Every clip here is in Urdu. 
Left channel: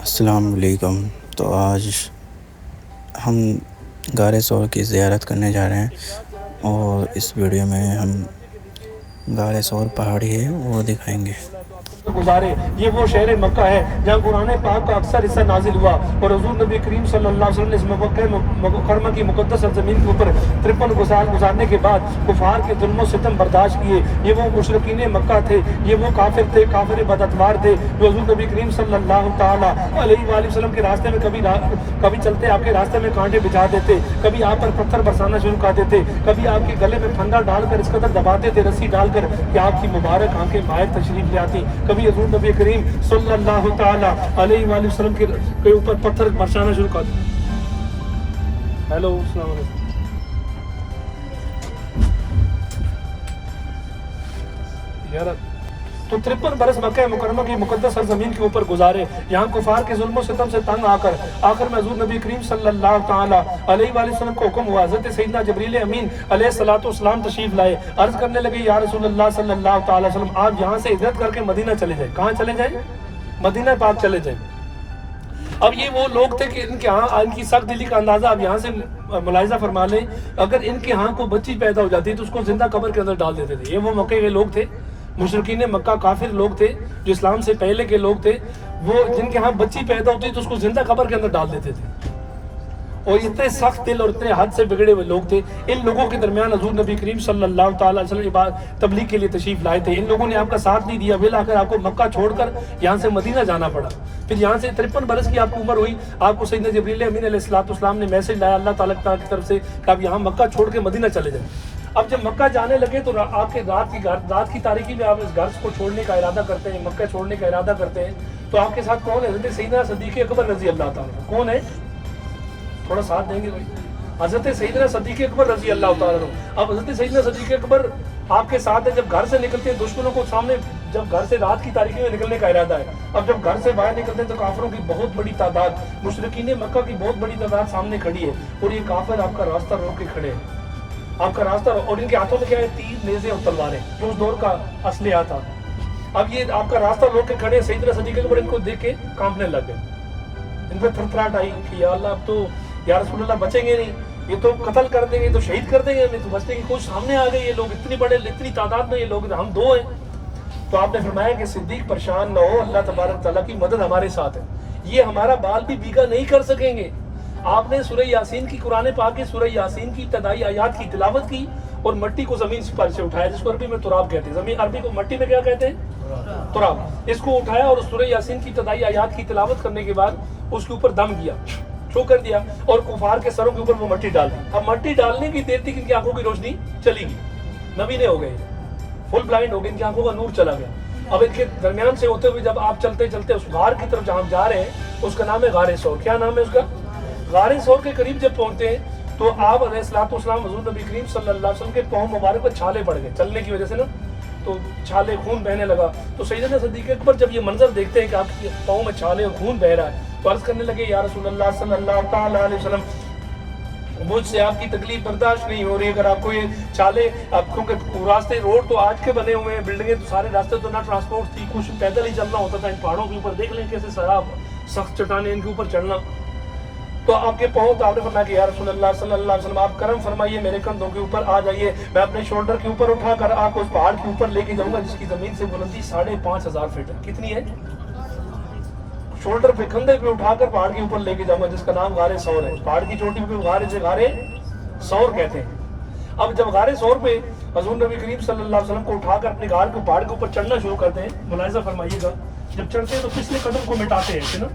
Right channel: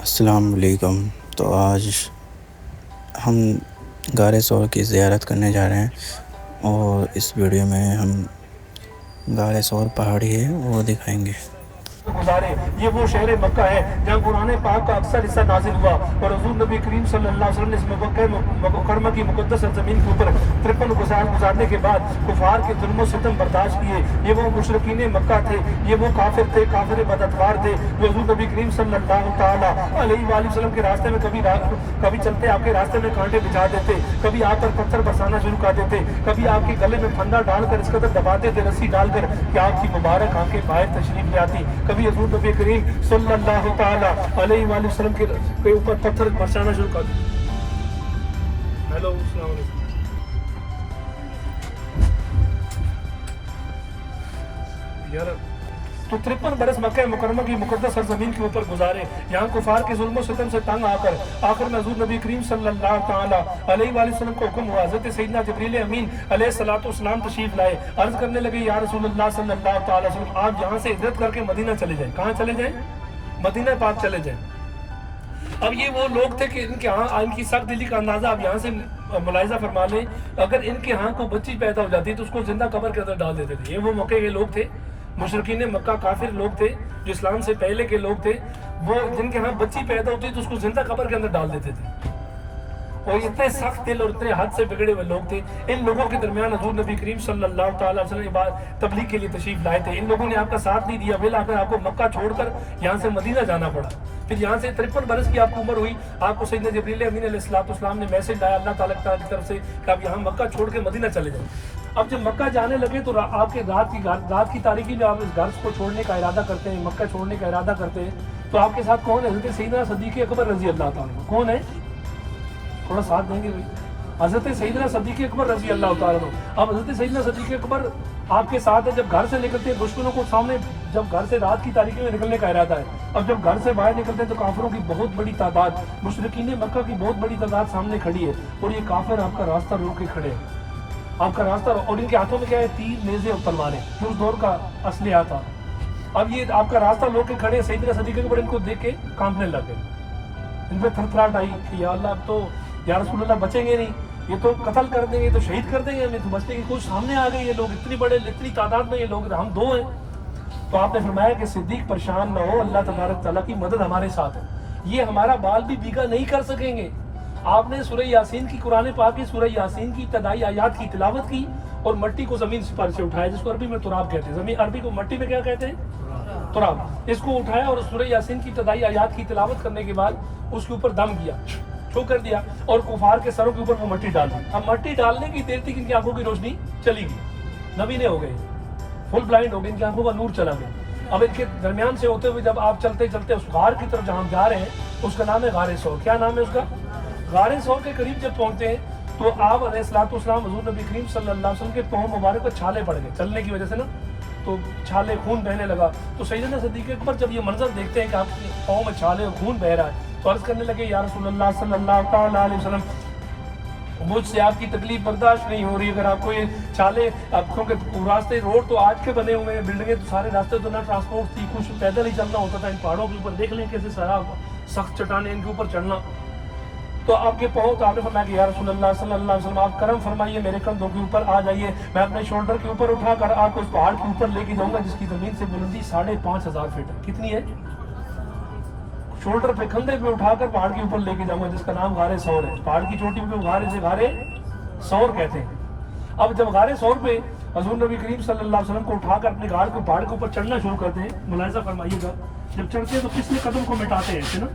السلام علیکم۔ تو آج ہم غار ثور کی زیارت کرنے جا رہے ہیں، اور اس ویڈیو میں ہم غار ثور پہاڑی ہے وہ دکھائیں گے۔ گزارے یہ وہ شہر مکہ ہے جہاں قرآن پاک کا اکثر حصہ نازل ہوا، اور حضور نبی کریم صلی اللہ علیہ وسلم نے اس مکہ مکرمہ کی مقدس سرزمین کے اوپر 53 گزارنے کے بعد کفار کے ظلم و ستم برداشت کیے۔ یہ وہ مشرکین مکہ تھے، یہ وہ کافر تھے، کافر بداتوار تھے، جو حضور نبی کریم صلی اللہ تعالیٰ علیہ وآلہ وسلم کے راستے میں کبھی چلتے آپ کے راستے میں کانٹے بجھا دیتے، کبھی آپ پر پتھر برسانا شروع کر دیتے، کبھی آپ کے گلے میں پھندا ڈال کر اس قدر دباتے تھے رسی ڈال کر کہ آپ کی مبارک آنکھیں باہر تشریف لے آتی، کبھی حضور نبی کریم صلی اللہ تعالیٰ علیہ وآلہ وسلم کے اوپر پتھر برسانا شروع کر دیتے۔ ہیلو، السلام علیکم۔ تو 53 برس مکہ مکرمہ کی مقدس سرزمین کے اوپر گزارے، یہاں کفار کے ظلم و ستم سے تنگ آخر میں حضور نبی کریم صلی اللہ تعالیٰ علیہ وآلہ وسلم کو حکم ہوا، حضرت سیدنا جبریل امین علیہ السلام تشریف لائے، عرض کرنے لگے یا رسول اللہ صلی اللہ تعالیٰ وسلم آپ یہاں سے ہجرت کر کے مدینہ چلے جائیں۔ کہاں چلے جائیں؟ مدینہ پاک چلے جائیں۔ اب یہ وہ لوگ تھے کہ ان کے ہاں ان کی سخت دلی کا اندازہ اب یہاں سے ملاحظہ فرما لیں، اگر ان کے ہاں کوئی بچی پیدا ہو جاتی تو اس کو زندہ قبر کے اندر ڈال دیتے تھے۔ یہ وہ مکے کے لوگ تھے، مشرکین مکہ کافر لوگ تھے جو اسلام سے پہلے کے لوگ تھے، وہ جن کے ہاں بچی پیدا ہوتی تو اس کو زندہ قبر کے اندر ڈال دیتے تھے، اور اتنے سخت دل اور اتنے حد سے بگڑے ہوئے لوگ تھے۔ ان لوگوں کے درمیان حضور نبی کریم صلی اللہ تعالیٰ علیہ وسلم تبلیغ کے لیے تشریف لائے تھے۔ ان لوگوں نے آپ کا ساتھ نہیں دیا، بل آخر آپ کو مکہ چھوڑ کر یہاں سے مدینہ جانا پڑا۔ پھر یہاں سے 53 برس کی آپ کو عمر ہوئی، آپ کو سیدنا جبریل امین علیہ السلام نے میسج لایا اللہ تعالیٰ کی طرف سے کہ آپ یہاں مکہ چھوڑ کے مدینہ چلے جائیں۔ اب جب مکہ جانے لگے تو آپ کے رات کی تاریکی میں آپ اس گھر کو چھوڑنے کا ارادہ کرتے ہیں، مکہ چھوڑنے کا ارادہ کرتے ہیں، تو آپ کے ساتھ کون ہے؟ حضرت سیدنا صدیق اکبر رضی اللہ تعالیٰ۔ کون ہے؟ تھوڑا ساتھ دیں گے بھائی۔ حضرت سیدنا صدیق اکبر رضی اللہ تعالیٰ عنہ۔ اب حضرت سیدنا صدیق اکبر آپ کے ساتھ ہے، جب گھر سے نکلتے ہیں دشمنوں کو سامنے، جب گھر سے رات کی تاریکی میں نکلنے کا ارادہ ہے، اب جب گھر سے باہر نکلتے ہیں تو کافروں کی بہت بڑی تعداد، مشرکین مکہ کی بہت بڑی تعداد سامنے کھڑی ہے، اور یہ کافر آپ کا راستہ روک کے کھڑے ہیں، آپ کا راستہ، اور ان کے ہاتھوں میں کیا ہے؟ تیر، نیزے اور تلواریں، جو اس دور کا اسلحہ تھا۔ اب یہ آپ کا راستہ روک کے کھڑے ہیں، سیدنا صدیق اکبر ان کو دیکھ کے کانپنے لگ گئے، ان پہ تھرتھراہٹ آئی کہ یا اللہ اب تو یا رسول اللہ بچیں گے نہیں، یہ تو قتل کر دیں گے، تو شہید کر دیں گے ہمیں، تو بچنے کی کوشش سامنے آ گئی، یہ لوگ اتنی تعداد میں، یہ لوگ ہم دو ہیں۔ تو آپ نے فرمایا کہ صدیق پریشان نہ ہو، اللہ تبارک تعالیٰ کی مدد ہمارے ساتھ ہے، یہ ہمارا بال بھی بیگا نہیں کر سکیں گے۔ آپ نے سورہ یاسین کی، قرآن پاک کی سورہ یاسین کی ابتدائی آیات کی تلاوت کی، اور مٹی کو زمین پر سے اٹھایا، جس کو عربی میں تراب کہتے ہیں، زمین عربی کو مٹی میں کیا کہتے ہیں؟ تراب۔ اس کو اٹھایا اور سورہ یاسین کی ابتدائی آیات کی تلاوت کرنے کے بعد اس کے اوپر دم کیا، چھو کر دیا، اور کفار کے سروں کے اوپر وہ مٹی ڈالی۔ اب مٹی ڈالنے کی دیر تھی کہ ان کی آنکھوں کی روشنی چلی گئی، نبینے ہو گئے، فل بلائنڈ ہو گئے، ان کی آنکھوں کا نور چلا گیا۔ اب ان کے درمیان سے ہوتے ہوئے جب آپ چلتے چلتے اس غار کی طرف جہاں ہم جا رہے ہیں، اس کا نام ہے غار ثور۔ کیا نام ہے اس کا؟ غار ثور کے قریب جب پہنچتے ہیں تو آپ علیہ السلام حضور نبی کریم صلی اللہ علیہ وسلم کے پاؤں مبارک پر چھالے پڑ گئے چلنے کی وجہ سے نا، تو چھالے، خون بہنے لگا۔ تو سیدنا صدیق اکبر جب یہ منظر دیکھتے ہیں کہ آپ کے پاؤں میں چھالے اور خون بہ رہا ہے، تو عرض کرنے لگے یا رسول اللہ صلی اللہ تعالیٰ علیہ وسلم، مجھ سے آپ کی تکلیف برداشت نہیں ہو رہی، اگر آپ کو یہ چھالے، آپ کو راستے، روڈ تو آج کے بنے ہوئے ہیں، بلڈنگیں تو سارے راستے تو نہ ٹرانسپورٹ تھی، کچھ پیدل ہی چلنا ہوتا تھا، ان پہاڑوں کے اوپر دیکھ لیں کیسے سراب سخت چٹانیں، ان کے اوپر چڑھنا، تو آپ کے پاؤں، تو آپ نے فرمایا کہ یا رسول اللہ صلی اللہ علیہ وسلم آپ کرم فرمائیے، میرے کندھوں کے اوپر آ جائیے، میں اپنے شولڈر کے اوپر اٹھا کر آپ کو اس پہاڑ کے اوپر لے کے جاؤں گا جس کی زمین سے بلندی 5,500 فٹ ہے۔ کتنی ہے؟ شولڈر پہ، کندھے پہ اٹھا کر پہاڑ کے اوپر لے کے جاؤں گا، جس کا نام غار ثور ہے۔ پہاڑ کی چوٹی پہ غار ثور کہتے ہیں۔ اب جب غار ثور پہ حضور نبی کریم صلی اللہ علیہ وسلم کو اٹھا کر اپنے گاڑ کو پہاڑ کے اوپر چڑھنا شروع کرتے ہیں، ملاحظہ فرمائیے گا، جب چڑھتے ہیں تو پچھلے قدم کو مٹاتے ہیں، ایسے نا،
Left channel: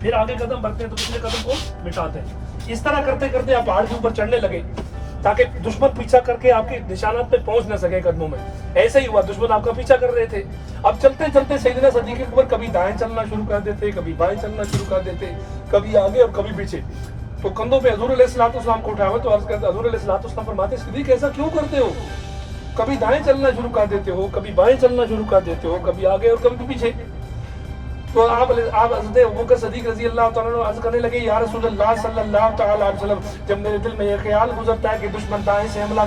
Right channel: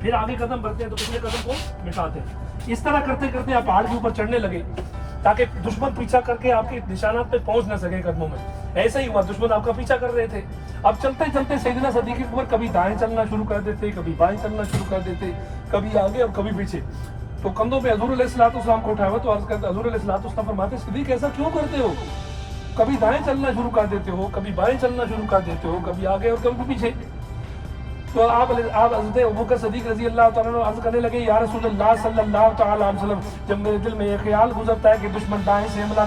پھر آگے قدم بڑھتے ہیں تو پچھلے قدم کو مٹاتے ہیں، اس طرح کرتے کرتے آپ پہاڑ کے اوپر چڑھنے لگے تاکہ دشمن پیچھا کر کے آپ کے نشانات پہ پہنچ نہ سکے قدموں میں۔ ایسے ہی ہوا، دشمن آپ کا پیچھا کر رہے تھے۔ اب چلتے چلتے سیدنا صدیق اکبر کبھی دائیں چلنا شروع کر دیتے، کبھی بائیں چلنا شروع کر دیتے، کبھی آگے اور کبھی پیچھے۔ تو کندھوں پہ حضور علیہ السلام کو اٹھایا ہوا، تو عرض کرتے حضور علیہ السلام فرماتے صدیق ایسا کیوں کرتے ہو؟ کبھی دائیں چلنا شروع کر دیتے ہو، کبھی بائیں چلنا شروع کر دیتے ہو، کبھی آگے اور کبھی پیچھے۔ تو آپ حضرت ابوبکر صدیق رضی اللہ تعالیٰ عنہ عرض کرنے لگے یا رسول اللہ صلی اللہ تعالیٰ علیہ وسلم، جب میرے دل میں یہ خیال گزرتا ہے کہ دشمن دائیں سے حملہ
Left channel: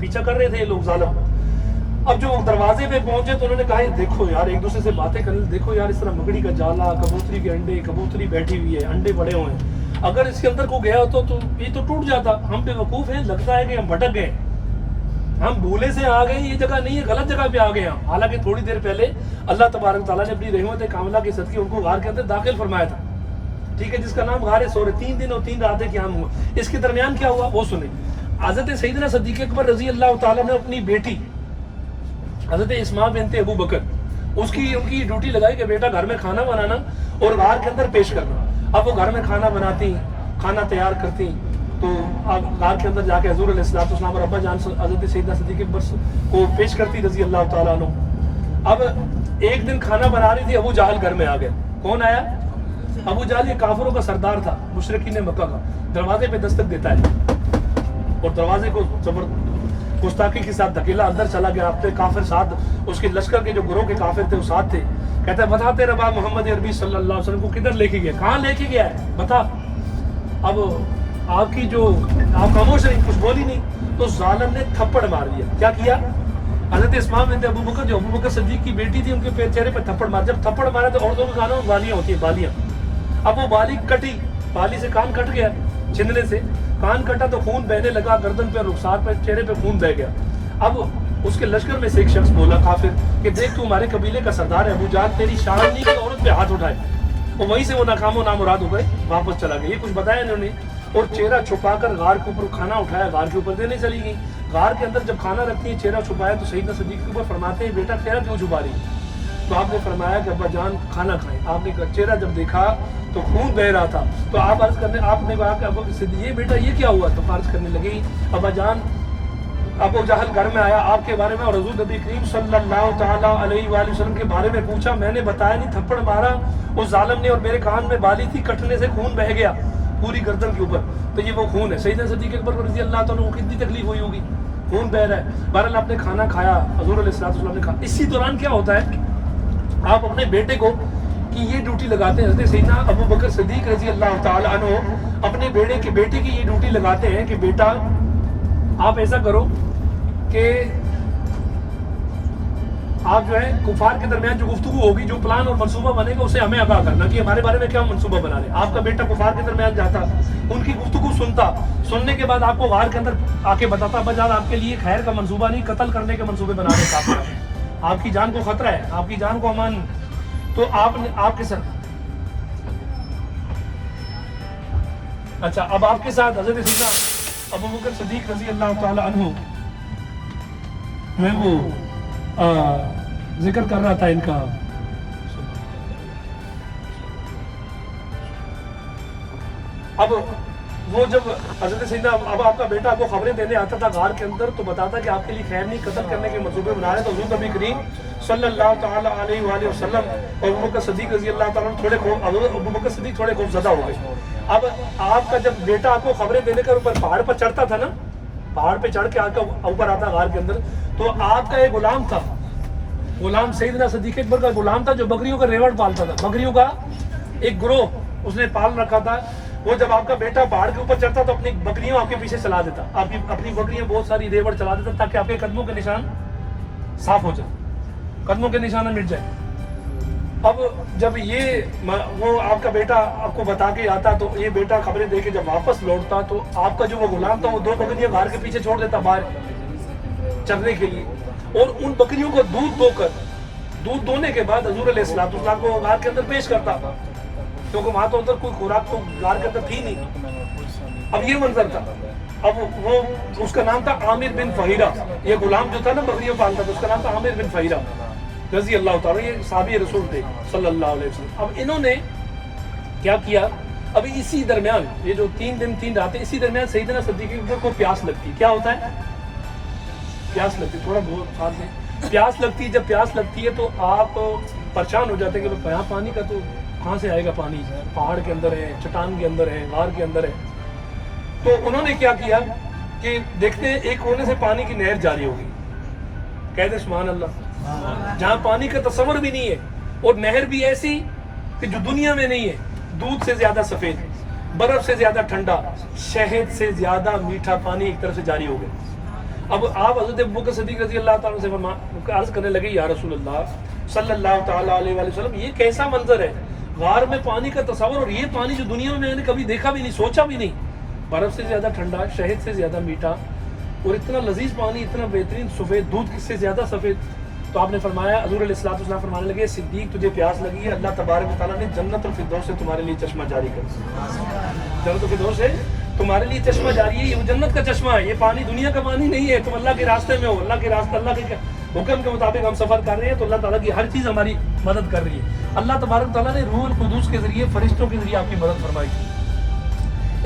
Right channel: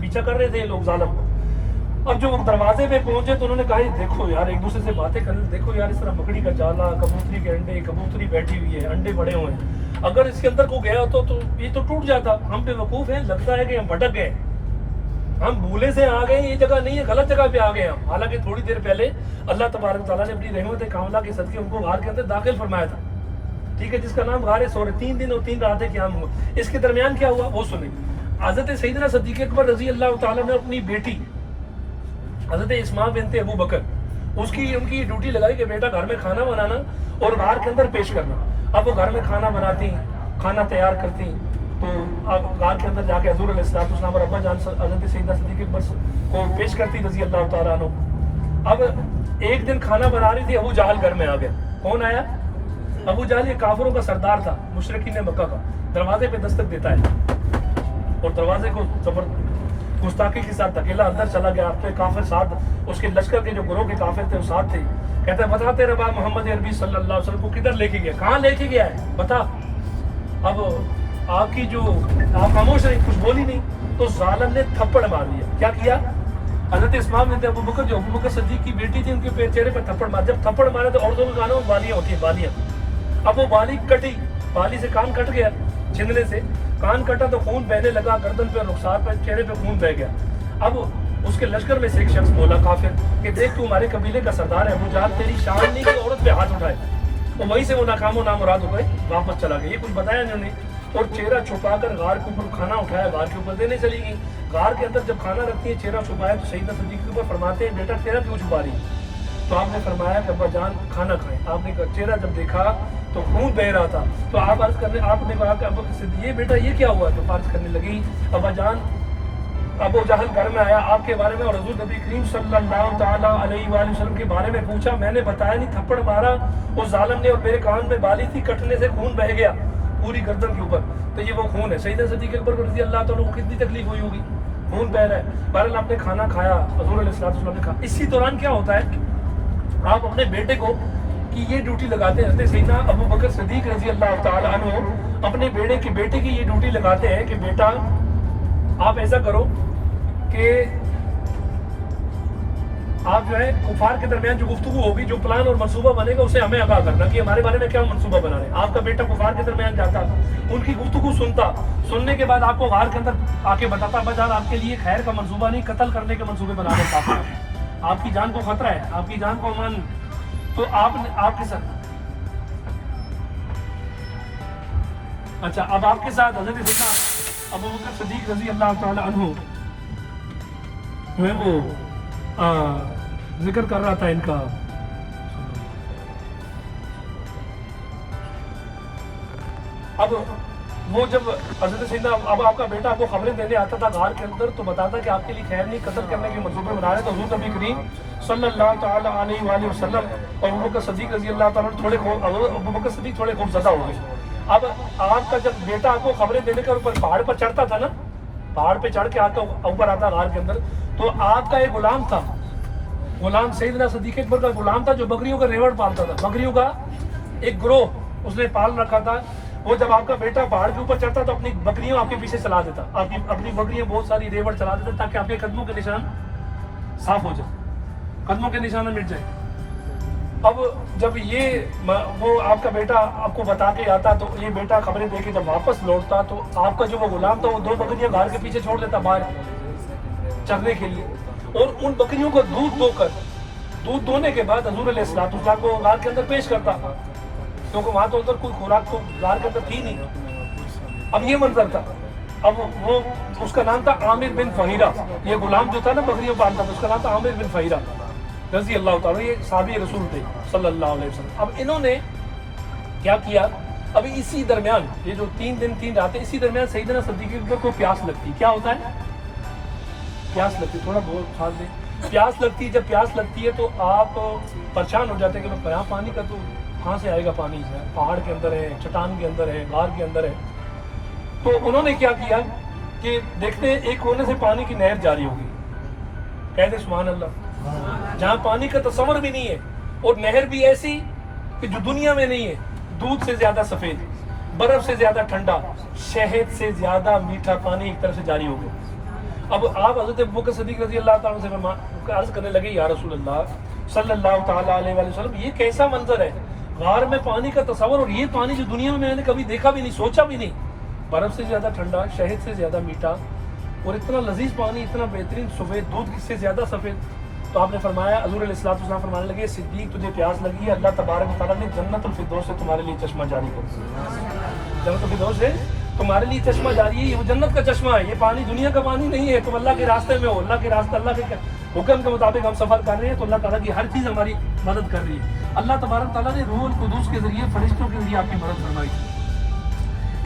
پیچھا کر رہے تھے یہ لوگ ظالم. اب جو دروازے پہ پہنچے تو انہوں نے کہا یہ دیکھو یار, ایک دوسرے سے باتیں کر رہے, دیکھو یار اس طرح مکڑی کا جالا, کبوتری کے انڈے, کبوتری بیٹھی ہوئی ہے, انڈے بڑے ہوئے ہیں, اگر اس کے اندر کو گیا ہوتا تو یہ تو ٹوٹ جاتا. ہم بے وقوف ہیں, لگتا ہے کہ ہم بھٹک گئے, ہم بھولے سے آ گئے, یہ جگہ نہیں ہے, غلط جگہ پہ آ گئے ہم. حالانکہ تھوڑی دیر پہلے اللہ تبارک تعالیٰ نے اپنی رحمت کاملہ کے صدقے ان کو غار کے اندر داخل فرمایا تھا, ٹھیک ہے, جس کا نام غار ثور. 3 دن اور 3 راتیں قیام ہوا. اس کے درمیان کیا ہوا وہ سنیں. حضرت سیدنا صدیق اکبر رضی اللہ تعالیٰ نے اپنی بیٹی حضرت اسماء بنت ابو بکر, ان کی ڈیوٹی لگائی کہ بیٹا گھر میں کھانا بنانا اور غار کے اندر پیش کرنا. اب وہ گھر میں کھانا بناتی, کھانا تیار کرتی, تو اب غار کے اندر جا کے حضور علیہ السلام اور ابا جان حضرت سیدنا صدیق اکبر کو پیش کرتی رضی اللہ تعالیٰ عنہ. اب ایک دن کھانا بنا رہی تھی, ابو جہل گھر میں آ گئے. کون آیا؟ ابو جہل یہ کافروں کا سردار تھا, مشرکین مکہ کا. دروازے پہ دستک دیتا ہے اور دروازے کو گستاخی کے ساتھ دھکیلا, اندر چلا گیا. اپنے کافر ساتھ, اس کے لشکر کے جو گروہ کے کافر تھے وہ ساتھ تھے. کہتا ہے بتا تیرا باپ محمد عربی صلی اللہ علیہ وسلم کو کدھر لے کے گیا, کہاں لے کے گیا ہے بتا. اب آپ کی جو آپ خاموش رہی, کچھ بولی نہیں, تو ظالم نے تھپڑ مار دیا. کیا کیا؟ حضرت اسماء بنت ابو بکر, جو ابو بکر صدیق کی بیٹی تھی, ان کے چہرے پر تھپڑ مار. جب تھپڑ مارا تو عورتوں کے کانوں میں بالیاں ہوتی ہیں, بالیاں. اب وہ بالی کٹی, بالی سے کان کٹ گیا, چھلنے سے کان کٹا تو خون بہنے لگا, گردن پہ, رخسار پہ, چہرے پہ خون بہ گیا. اب اس کے لشکر میں سے ایک شخص بولا کافر کہ دیکھ تو ہمارے قبیلے کا سردار ہے, ابو جہل تیری شان نہیں کہ عورت پہ ہاتھ اٹھائے. تو وہیں سے وہ ناکام و نامراد ہو گئے, واپس چلا گیا. یہ کچھ بتایا انہوں نے, اور چہرہ چھپا کر غار کے اوپر کھانا اٹھایا, غار کے اوپر دینے چلی گئی. غار کے اندر جب کھانا رکھتی ہے, چہرہ چھپایا, تو سیدنا صدیق کے اوپر فرماتے ہیں بیٹا چہرہ کیوں چھپا رہی؟ تو آپ نے فرمایا کہ ابا جان کھانا کھائیں. آپ نے چہرہ جب دیکھا تو خون بہ رہا تھا, تو آپ عرض کرنے, آپ نے کہا کہ ابا یہ بیٹا یہ کیا ہوا؟ تو عرض کرنے لگی ابا جان ابو جہل گھر میں آیا آپ کے بارے میں, اور حضور نبی کریم صلی اللہ تعالیٰ علیہ وآلہ وسلم کے بارے میں پوچھا, میں نے بتایا نہیں, تھپڑ مارا اس ظالم نے, اور میرے کان میں بالی تھی, کٹنے سے خون بہ گیا پوری گردن کے اوپر, تو یہ وہ خون ہے. سیدنا صدیق اکبر رضی اللہ تعالیٰ کو کتنی تکلیف ہوئی ہوگی, خون بہ رہا ہے. بہرحال آپ نے کھانا کھایا, حضور علیہ السلام نے کھایا. اسی دوران کیا ہوتا ہے, آپ اپنے بیٹے کو کی یہ ڈیوٹی لگاتے ہیں, سیدنا ابو بکر صدیق رضی اللہ تعالیٰ عنہ اپنے بیٹے کی یہ ڈیوٹی لگاتے ہیں کہ بیٹا آپ ایسا کرو کہ آپ جو ہے کفار کے درمیان جو گفتگو ہوگی, جو پلان اور منصوبہ بنے گا, اسے ہمیں آگاہ کرنا کہ ہمارے بارے میں کیا منصوبہ بنا رہے ہیں. آپ کا بیٹا کفار کے درمیان جاتا, ان کی گفتگو سنتا, سننے کے بعد آپ کو غار کے اندر آ کے بتاتا بجال آپ کے لیے خیر کا منصوبہ نہیں, قتل کرنے کے منصوبے بنا رہے ہیں, آپ کی جان کو خطرہ ہے, آپ کی جان کو امان. تو آپ کے ساتھ اچھا, اب آپ کے ساتھ حضرت سیدنا ابو بکر صدیق رضی اللہ تعالی عنہ جو ہے وہ ذکر کر رہا تھا ان کا. اب وہ جب حضرت سیدنا, اب آپ کا بیٹا آپ کو خبریں دینے آتا تھا غار کے اندر, تو بتاتا کہ آپ کے لیے خیر نہیں, قتل کرنے کے منصوبے بنا رہے ہیں. تو حضور نبی کریم صلی اللہ تعالیٰ علیہ وآلہ وسلم اور ابو بکر صدیق رضی اللہ تعالیٰ ابو بکر صدیق تھوڑے خوف زدہ ہو گئے. اب آپ کا جب بیٹا آپ کو خبریں دینے کا اوپر پہاڑ پر چڑھتا تھا نا, پہاڑ پہ چڑھ کے آپ کا اوپر آتا غار کے اندر, تو آپ کا ایک غلام تھا, غلام سیدنا صدیق اکبر کا غلام تھا, جو بکریوں کا ریوڑ پالتا تھا, بکریوں کا ایک گروہ اس نے پال رکھا تھا. وہ جب آپ کا بیٹا پہاڑ کے اوپر چڑھتا تو اپنی بکریوں آپ کے پیچھے چلا دیتا, آپ کی اپنی بکریاں بہت ساری ریوڑ چلا دیتا, تاکہ آپ کے قدموں کے نشان صاف ہو جائے, قدموں کے نشان مٹ جائے. اب جب یہ وہ آپ کا بیٹا آپ کو بتا کے آتا, تو یہ بیٹا خبریں دے کے جب واپس لوٹتا, تو آپ کا جو وہ غلام تھا وہ 2 بکریاں گھر کے پیچھے چھوڑ دیتا باہر چرنے کے لیے, اور ان بکریوں کو دودھ دونے کے بعد حضور علیہ السلام کو غار کے اندر پیش کرتا, کیونکہ وہاں تو ادھر کوئی خوراک تو غار کے اندر تھی نہیں. اب یہ منظر تھا. اب وہ اس کا نام تھا عامر بن فہیرہ, یہ غلام جو تھا نا بکریاں پالتا تھا, اس کا نام تھا عامر بن فہیرہ رضی اللہ تعالیٰ, یہ صحابی رسول تھے صلی اللہ علیہ وسلم. اب انہوں نے کیا کیا, ابھی اسی درمیان یہ جو 3 دن 3 راتیں, اسی درمیان سیدنا صدیق اکبر کو پیاس لگتی. کیا ہوتا ہے, پیاس لگتی, تھوڑا بہت خاص ہے, پیاس لگتی. جب پیاس لگتی ہے تو آپ پریشان ہو جاتے ہیں کہ یہاں پانی کا تو کہاں سے آئے گا پانی, پہاڑ کے اندر ہے, چٹان کے اندر ہے, غار کے اندر ہے. تو انہوں نے کیا کیا کہ دیکھتے ہیں ایک کونے سے پانی کی نہر جاری ہوگی, کہتے سبحان اللہ, جہاں پانی کا تصور بھی نہیں ہے, اور نہر بھی ایسی کہ جو دنیا میں نہیں ہے, دودھ سے زیادہ سفید, برف سے زیادہ ٹھنڈا, شہد سے زیادہ میٹھا پانی ایک طرف سے جاری ہو گیا. اب آپ حضرت ابوبکر صدیق رضی اللہ تعالیٰ سے عرض کرنے لگے یا رسول اللہ صلی اللہ تعالیٰ علیہ وآلہ وسلم یہ کیسا منظر ہے، غار میں پانی کا تصور، اور یہ پانی جو دنیا میں نے کبھی دیکھا بھی نہیں، سوچا بھی نہیں، برف سے زیادہ ٹھنڈا، شہد سے زیادہ میٹھا، اور اتنا لذیذ پانی، اتنا بہترین سفید دودھ سے زیادہ سفید۔ تو آپ نے فرمایا، حضور علیہ الصلوۃ والسلام فرمانے لگے صدیق تجھے پیاس لگی ہے، اللہ تبارک و تعالیٰ نے جنت الفردوس سے تمہارے لیے چشمہ جاری کر دیا، جنت الفردوس سے تمہارے لیے چشمہ جاری ہے، یہ وہ جنت کا چشمہ ہے، یہ پانی دنیا کا پانی نہیں ہے، تم اللہ کے راستے میں ہو، اللہ کے راستے، اللہ کے حکم کے مطابق ہم سفر کر رہے ہیں، تو اللہ تعالیٰ کی ہر چیز ہماری مدد کر رہی ہے۔ اللہ تبارک تعالیٰ نے روح القدس کے ذریعے، فرشتوں کے ذریعے آپ کی مدد فرمائی۔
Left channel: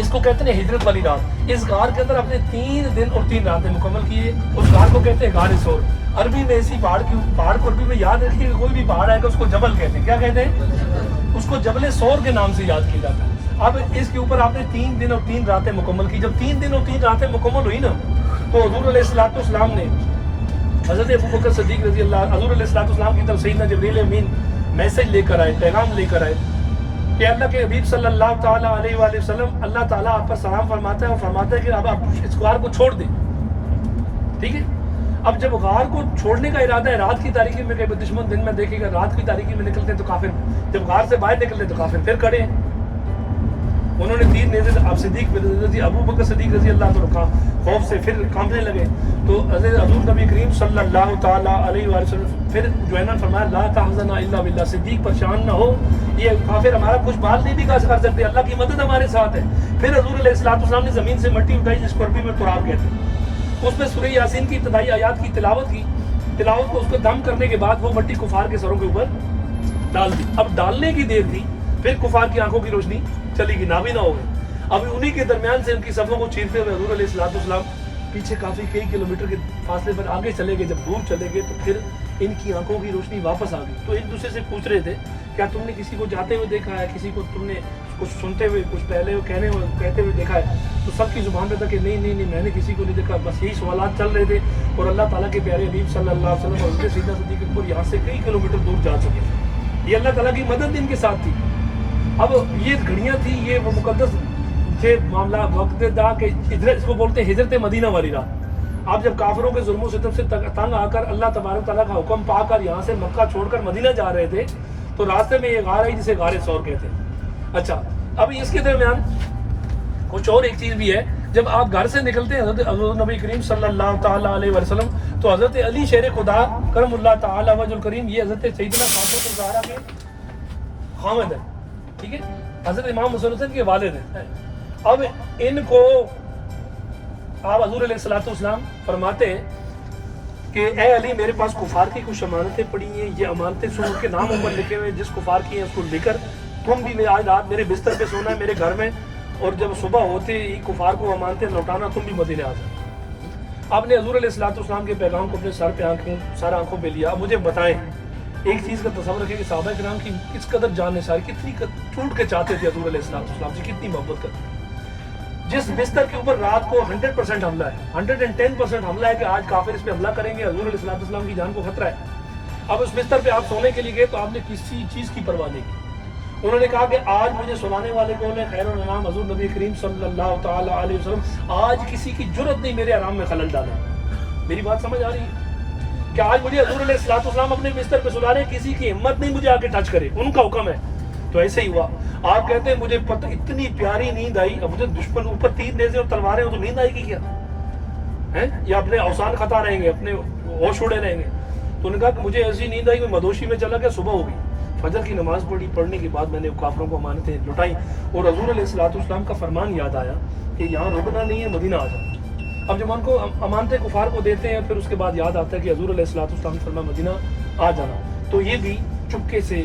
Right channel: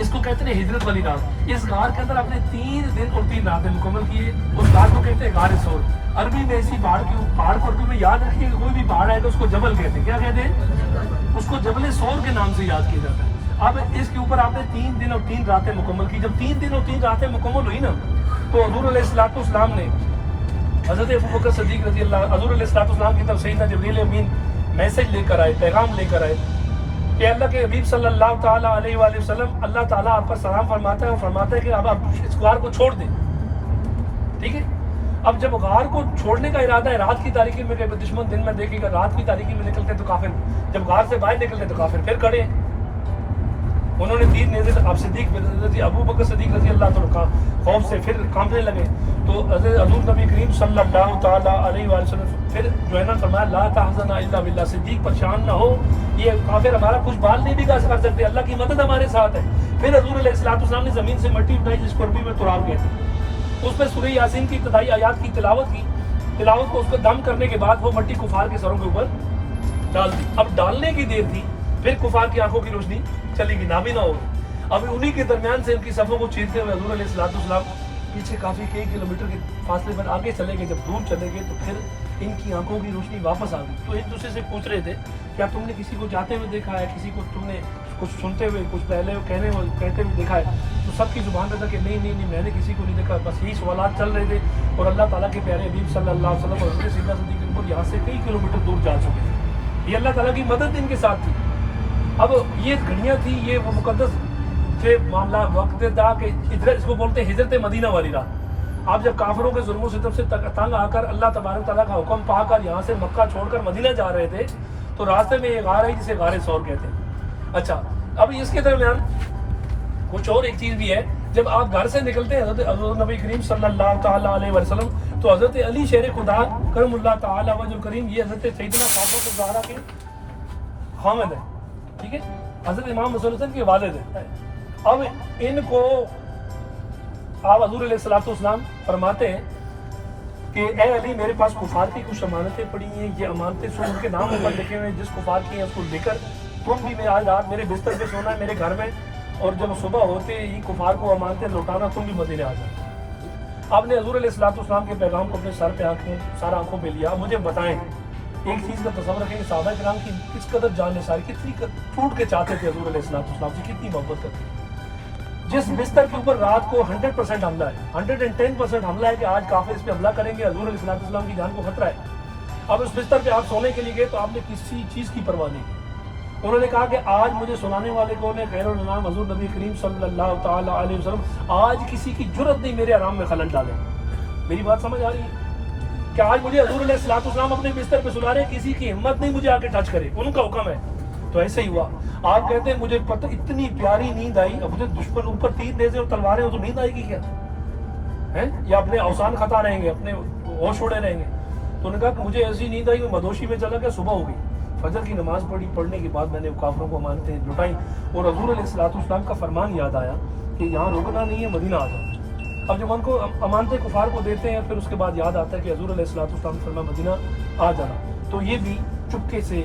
اس کو کہتے ہیں ہجرت والی رات۔ اس غار کے اندر آپ نے 3 دن اور 3 راتیں مکمل کیے۔ اس غار کو کہتے ہیں غار ثور۔ عربی میں اسی پہاڑ کو عربی میں یاد رکھیے کہ کوئی بھی پہاڑ ہے تو اس کو جبل کہتے ہیں۔ کیا کہتے ہیں؟ اس کو جبل ثور کے نام سے یاد کیا جاتا ہے۔ اب اس کے اوپر آپ نے 3 دن اور 3 راتیں مکمل کی۔ جب 3 دن اور 3 راتیں مکمل ہوئی نا، تو حضور علیہ الصلوۃ والسلام نے حضرت ابوبکر صدیق رضی اللہ، حضور علیہ الصلوۃ والسلام کی طرف سیدنا جبریل امین میسج لے کر آئے، پیغام لے کر آئے کہ اللہ کے حبیب صلی اللہ تعالیٰ علیہ وآلہ وسلم، اللہ تعالیٰ آپ پر سلام فرماتا ہے اور فرماتا ہے کہ اب آپ اس غار کو چھوڑ دیں۔ ٹھیک ہے، اب جب غار کو چھوڑنے کا ارادہ ہے، رات کی تاریکی میں، کہ دشمن دن میں دیکھے گا، رات کی تاریکی میں نکلتے ہیں تو کافر، جب غار سے باہر نکلتے تو کافر پھر کھڑے۔ انہوں نے تیر نیزے سے اب صدیق ابو بکر صدیق رضی اللہ عنہ خوف سے پھر کانپنے لگے، تو حضور نبی کریم صلی اللہ تعالیٰ علیہ وآلہ وسلم پھر جو ہے نا فرمایا لا تحزن الا باللہ، صدیق پریشان نہ ہو، یہ کافر ہمارا کچھ بات نہیں بھی کر سکتے، اللہ کی مدد ہمارے ساتھ ہے۔ پھر حضور علیہ الصلوۃ والسلام نے زمین سے مٹی اٹھائی جس کو عربی میں تراب کہتے ہیں، اس میں سورہ یاسین کی ابتدائی آیات کی تلاوت کی، تلاوت کو اس کو دم کرنے کے بعد وہ مٹی کفار کے سروں کے اوپر ڈال دی۔ اب ڈالنے کی دیر تھی، پھر کفار کی آنکھوں کی روشنی چلی گئی، نابینا ہو گئی۔ اب انہی کے درمیان سے ان کی صفوں کو چیرتے ہوئے حضور علیہ الصلوۃ والسلام پیچھے کافی کئی کلومیٹر کے فاصلے پر آگے چلے گئے۔ جب دور چلے گئے تو پھر ان کی آنکھوں کی روشنی واپس آ گئی، تو ایک دوسرے سے پوچھ رہے تھے کیا تم نے کسی کو جاتے ہوئے دیکھا ہے، کسی کو تم نے کچھ سنتے ہوئے، کچھ پہلے کہتے ہوئے دیکھا ہے؟ تو سب کی زبان تھا کہ نہیں میں نے کسی کو نہیں دیکھا۔ بس یہی سوالات چل رہے تھے، اور اللہ تعالیٰ کے پیارے حبیب صلی اللہ علیہ وسلم اور حضرت سیدنا صدیق اکبر یہاں سے کئی کلومیٹر دور جا چکے تھے۔ یہ اللہ تعالیٰ کی مدد ان کے ساتھ تھی۔ اب یہ گھڑیاں تھی، یہ مقدس کے معاملہ وقت تھا کہ اس کو بولتے ہیں ہجرت مدینہ والی رات۔ آپ جب کافروں کے ظلم و ستم سے تنگ آ کر اللہ تبارک تعالیٰ کا حکم پا کر یہاں سے مکہ چھوڑ کر مدینہ جا رہے تھے، تو راستے میں یہ غار ہے جسے غار ثور کہتے ہیں۔ اچھا، اب اس کے درمیان کچھ اور ایک چیز بھی ہے، جب آپ گھر سے نکلتے ہیں حضرت نبی کریم صلی اللہ تعالیٰ علیہ وسلم، تو حضرت علی شیر خدا کرم اللہ تعالیٰ وجہ الکریم، یہ حضرت سیدنا فاطمہ الزہرا کے خامد ہے، ٹھیک ہے، حضرت امام حسن حسین کے والد ہیں۔ اب ان کو آپ حضور علیہ الصلوۃ والسلام فرماتے ہیں کہ اے علی، میرے پاس کفار کی کچھ امانتیں پڑی ہیں، یہ امانتیں سن کے نام اوپر لکھے ہوئے ہیں، جس کفار کی ہیں اس کو لے کر تم بھی آج رات میرے بستر پہ سونا ہے میرے گھر میں، اور جب صبح ہوتے ہی کفار کو امانتیں لوٹانا، تم بھی مدینے آ جاؤ۔ آپ نے حضور علیہ الصلوۃ والسلام کے پیغام کو اپنے سر پہ آنکھوں پہ لیا۔ مجھے بتائیں، ایک چیز کا تصور رکھیں کہ صحابہ کرام کی کس قدر جان نثار، کتنی ٹوٹ کے چاہتے تھے حضور علیہ الصلوۃ والسلام سے، کتنی محبت کرتے تھے۔ جس بستر کے اوپر رات کو 100% حملہ ہے، 110% حملہ ہے کہ آج کافر اس پہ حملہ کریں گے، حضور علیہ الصلوۃ والسلام کی جان کو خطرہ ہے۔ اب اس بستر پہ آپ سونے کے لیے گئے تو آپ نے کسی چیز کی پرواہ نہیں کی۔ انہوں نے کہا کہ آج مجھے سنانے والے کون ہیں؟ خیر الانام حضور نبی کریم صلی اللہ تعالیٰ علیہ وسلم۔ آج کسی کی جرت نہیں میرے آرام میں خلل ڈالے۔ میری بات سمجھ آ رہی ہے کہ آج مجھے حضور علیہ الصلوۃ والسلام اپنے بستر پہ سلا رہے، کسی کی ہمت نہیں مجھے آ کے ٹچ کرے، ان کا حکم ہے۔ تو ایسے ہی ہوا۔ آپ کہتے ہیں مجھے پتہ اتنی پیاری نیند آئی، اب مجھے دشمن اوپر تیر نیزے اور تلواریں ہیں، تو نیند آئے گی کیا ہے؟ یا اپنے اوسان خطا رہیں گے، اپنے ہوش اڑے رہیں گے؟ تو انہوں نے کہا کہ مجھے ایسی نیند آئی، میں مدوشی میں چلا گیا، صبح ہو گئی، فجر کی نماز پڑھنے کے بعد میں نے کافروں کو امانتیں لٹائیں، اور حضور علیہ الصلوۃ والسلام کا فرمان یاد آیا کہ یہاں رکنا نہیں ہے، مدینہ آ جاؤ۔ اب جب ان کو امانتیں کفار کو دیتے ہیں، پھر اس کے بعد یاد آتا ہے کہ حضور علیہ الصلوۃ والسلام نے فرمایا مدینہ آ جانا، تو یہ بھی چپکے سے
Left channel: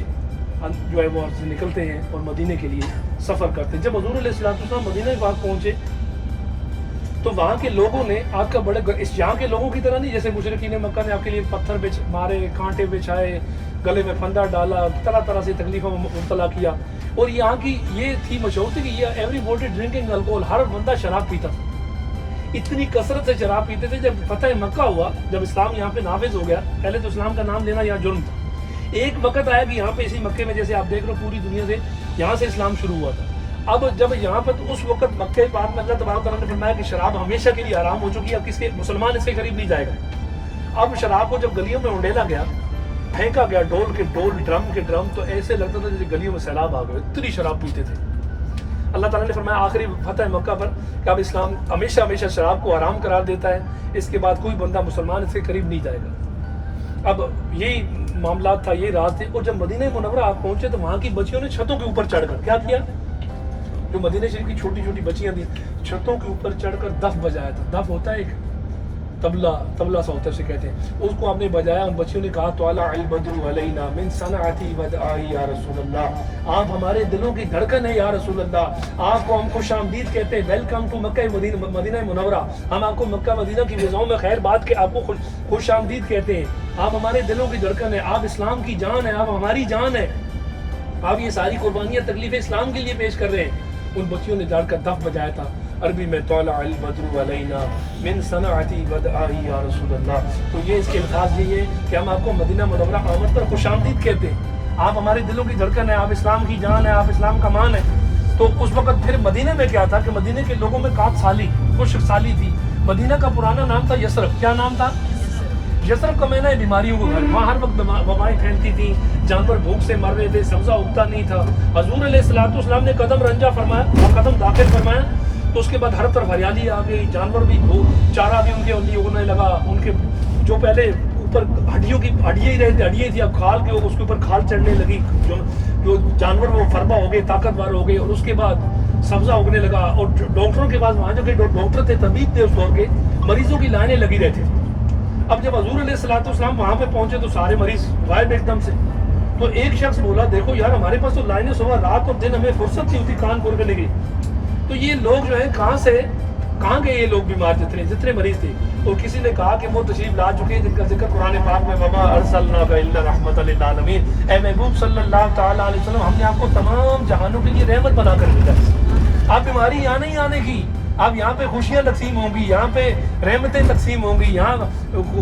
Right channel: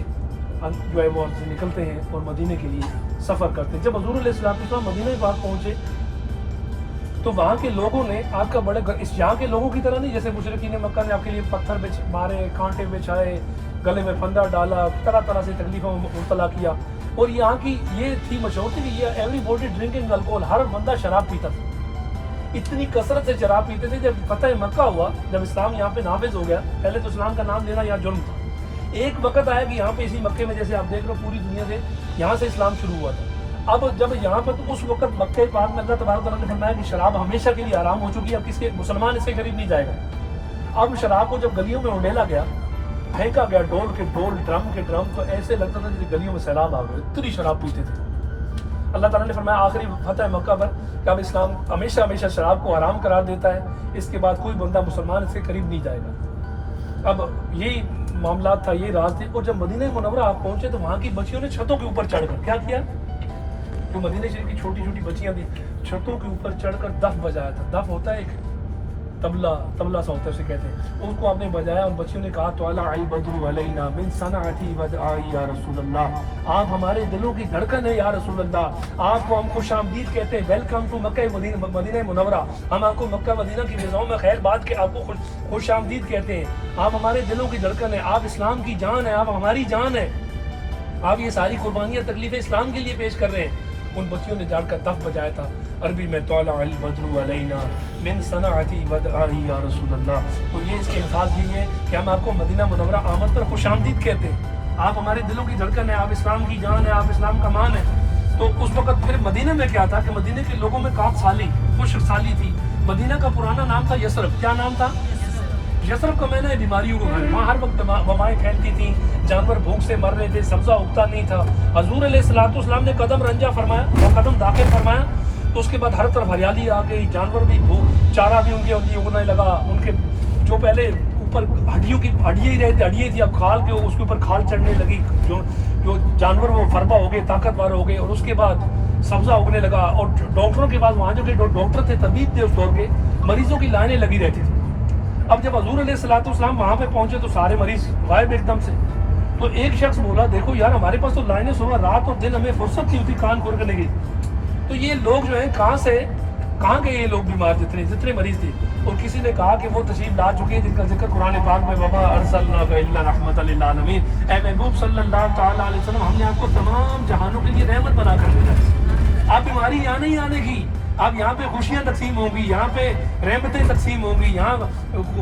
جو ہے وہ نکلتے ہیں اور مدینے کے لیے سفر کرتے ہیں۔ جب حضور علیہ الصلوۃ والسلام مدینہ پاک پہنچے تو وہاں کے لوگوں نے آپ کا بڑے اس یہاں کے لوگوں کی طرح نہیں، جیسے مشرکین مکہ نے آپ کے لیے پتھر مارے، کانٹے بچھائے، گلے میں پھندا ڈالا، طرح طرح سے تکلیفوں میں مبتلا کیا۔ اور یہاں کی یہ تھی مشہور تھی کہ یہ ایوری باڈی ڈرنکنگ الکوہول، ہر بندہ شراب پیتا تھا، اتنی کثرت سے شراب پیتے تھے۔ جب فتح مکہ ہوا، جب اسلام یہاں پہ نافذ ہو گیا، پہلے تو اسلام کا نام لینا یہاں جرم تھا۔ ایک وقت آیا کہ یہاں پہ اسی مکے میں، جیسے آپ دیکھ رہے ہو پوری دنیا سے یہاں سے اسلام شروع ہوا تھا۔ اب جب یہاں پر تو اس وقت مکہ پاک میں اللہ تبارک تعالیٰ نے فرمایا کہ شراب ہمیشہ کے لیے حرام ہو چکی ہے، اب کسی مسلمان اس کے قریب نہیں جائے گا۔ اب شراب کو جب گلیوں میں اونڈیلا گیا، پھینکا گیا ڈول کے ڈول، ڈرم کے ڈرم، تو ایسے لگتا تھا جیسے گلیوں میں سیلاب آ گئے، اتنی شراب پیتے تھے۔ اللہ تعالیٰ نے فرمایا آخری فتح مکہ پر کہ اب اسلام ہمیشہ ہمیشہ شراب کو حرام قرار دیتا ہے، اس کے بعد کوئی بندہ مسلمان اس کے قریب نہیں جائے گا۔ اب یہی معاملات تھا، یہ رات تھی۔ اور جب مدینہ منورہ آپ پہنچے تو وہاں کی بچیوں نے چھتوں کے اوپر چڑھ کر کیا کیا؟ جو مدینہ شریف کی چھوٹی چھوٹی بچیاں تھیں، چھتوں کے اوپر چڑھ کر دف بجایا تھا۔ دف ہوتا ہے ایک طبلہ سا ہوتا ہے، اسے کہتے ہیں، اس کو آپ نے بجایا۔ ان بچیوں نے کہا طلع البدر علینا من صنعتی ودعائی یا رسول اللہ، آپ ہمارے دلوں کی دھڑکن ہے یا رسول اللہ، آپ کو ہم خوش آمدید کہتے ہیں، ویلکم ٹو مکہ مدینہ منورہ، ہم آپ کو مکہ مدینہ کی فضاؤں میں خیر بات کے آپ کو خوش آمدید کہتے ہیں، آپ ہمارے دلوں کی دھڑکن ہے، آپ اسلام کی جان ہے، آپ ہماری جان ہے، آپ یہ ساری قربانیاں تکلیفیں اسلام کے لیے پیش کر رہے ہیں۔ ان بچیوں نے جاڑ کر دف بجایا تھا، عربی میں طلع البدر علینا من صنعتی ودعائی یا رسول اللہ۔ تو یہ اس کے الفاظ یہ ہے کہ ہم آپ کو مدینہ منورہ آمد پر خوش آمدید کہتے ہیں، آپ ہمارے دلوں کی دھڑکن ہے، آپ اسلام کی جان ہے، آپ اسلام کا مان ہے۔ تو اس وقت پھر مدینہ میں کیا تھا کہ مدینہ کے لوگوں میں کات سالی، خشک سالی تھی۔ مدینہ کا پرانا نام تھا یثرب۔ کیا نام تھا؟ یثرب کا معنی ہے بیماریوں کو گھر۔ وہاں ہر وقت وبائیں پھیلتی تھیں، جانور بھوک سے مر رہے تھے، سبزہ اگتا نہیں تھا۔ حضور علیہ السلام نے قدم رنجا فرمایا اور قدم داخل فرمایا تو اس کے بعد ہر طرف ہریالی آ گئی، جانور بھی چارہ بھی ان کے لیے اگنے لگا۔ ان کے جو پہلے اوپر ہڈیاں ہی رہتے، ہڈیاں تھی، اب کھال کے اس کے اوپر کھال چڑھنے لگی، جو جانور وہ فربا ہو گئے، طاقتور ہو گئے، اور اس کے بعد سبزہ اگنے لگا۔ اور ڈاکٹروں کے پاس وہاں جو کہ ڈاکٹر تھے، طبیب تھے اس دور کے، مریضوں کی لائنیں لگی رہتی تھی۔ اب جب حضور علیہ السلام وہاں پہ پہنچے تو سارے مریض غائب ایک دم سے۔ تو ایک شخص بولا دیکھو یار ہمارے پاس تو لائنیں صبح رات اور دن ہمیں فرصت نہیں ہوتی کان کھول کے نہیں گئی، تو یہ لوگ جو ہیں کہاں گئے یہ لوگ بیمار جتنے مریض تھے؟ اور کسی نے کہا کہ وہ تشریف لا چکے ہیں جن کا ذکر قرآن پاک میں وما ارسلناک الا رحمۃ للعالمین، اے محبوب صلی اللہ تعالی علیہ وسلم، ہم نے آپ کو تمام جہانوں کے لیے رحمت بنا کر بھیجا ہے۔ آپ بیماری یہاں نہیں آنے کی، اب یہاں پہ خوشیاں تقسیم ہوں گی، یہاں پہ رحمتیں تقسیم ہوں گی، یہاں